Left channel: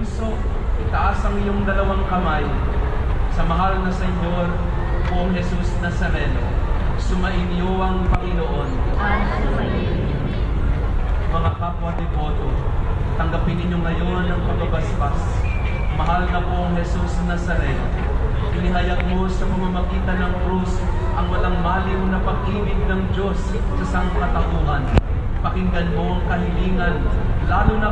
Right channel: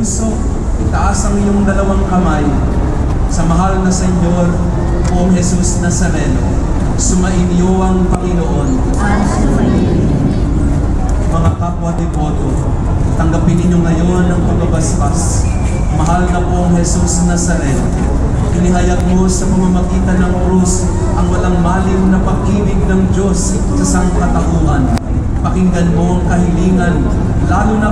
puso, itaas ang iyong dalawang kamay sa mahal na Senyor, Poong Jesus Nazareno. Sumainyo ang Panginoon. Mga kapwa deboto, tanggapin ninyo ngayon ang pinabasbas. Mahal na Poong Jesus Nazareno, inihayag mo sa pamamagitan ng krus ang walang maling na pag-ibig ng Diyos sa sangkatauhan. Pakinggan mo ang kahilingan, lalo na